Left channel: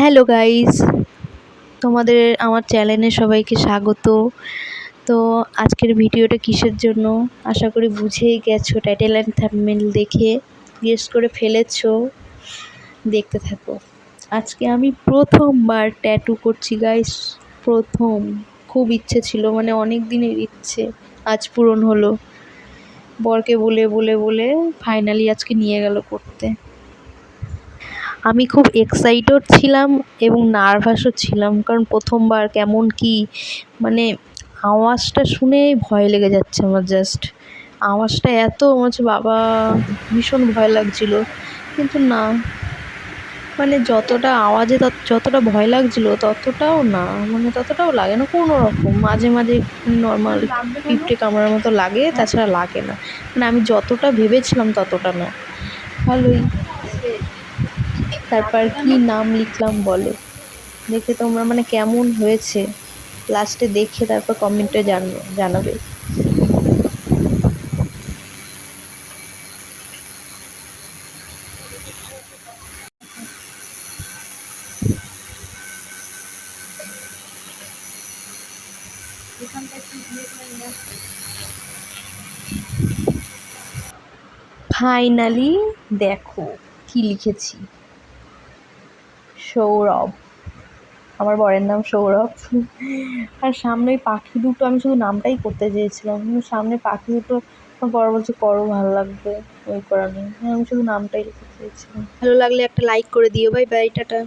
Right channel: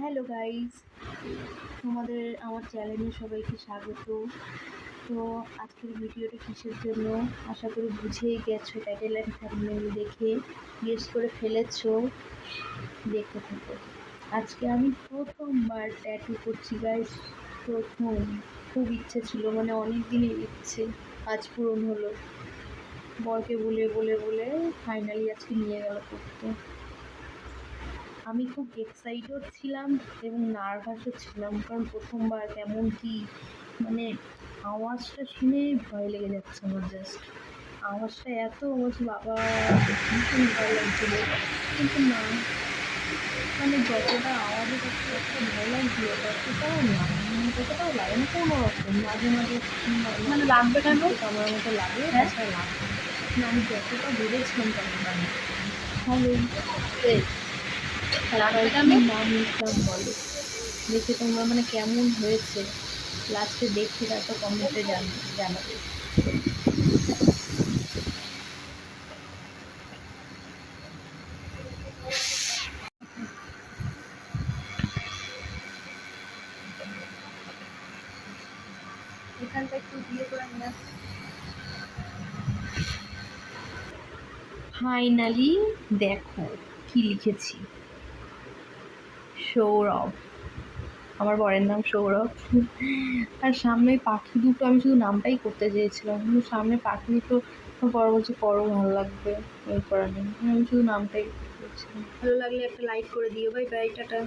Hello guys, তোমাদের আমার চ্যানেলে সবাইকে স্বাগত। তো আজকের ভিডিওটা কিসের জন্য আশা করি বুঝেই গেছো, টাইটেল অ্যান্ড থাম্বনেল দেখে গেস করে ফেলেছো। দেখতে থাকো। আজকে আমি প্রথমবার ট্যাটু করছি গাইস, প্রথম। খুব ইচ্ছে ছিল, মানে অনেক দিনের ইচ্ছে, আজ পূরণ হলো। বরকে বলে বলে বলে ফাইনালি আজকে নিয়ে গেল করতে। আমি খুব এক্সাইটেড ছিলাম এবং নার্ভাসও ছিলাম, কারণ প্রথমবার কেমন কি, মানে আওয়াজটা শুনে ভয় লেগে যাচ্ছে আমার। জাস্ট আওয়াজটা এত হচ্ছে, বাবা ভীষণ ভয় লাগছিল। কিন্তু না, মানে যতটা আওয়াজে যতটা ভয় লাগছিল ততটাও না, মানে ততটাও লাগে না কোনো রকম। মাঝে মাঝে নর্মাল পিঁপড়ে কামড়ার মতো লাগে, তাছাড়া লাগে না। মানে আমি যতটা ভেবেছিলাম ততটা না, ভালোই। তারপর কি নাম লিখলাম বলো, দেখে তোমরা মানে কেমন হয়েছে লাস্টে দেখে তারপর কমেন্টে জানাবে। ফাইনালি দেখো কি লিখেছি, সৌরভ। আমার বরের নাম সৌরভ। আর সামনে ওই পাখি দুটো, আমি শুধু নামটাই করতে চেয়েছিলাম, কিন্তু সামনে পাখি দুটো আমার বড় বলছে করো, ভালো লাগবে, ওই করা নেই। আমি শুধু নামটাই লিখতে চেয়েছিলাম। ভালো লাগলে একটা লাইক করে দিও। Bye bye, tata.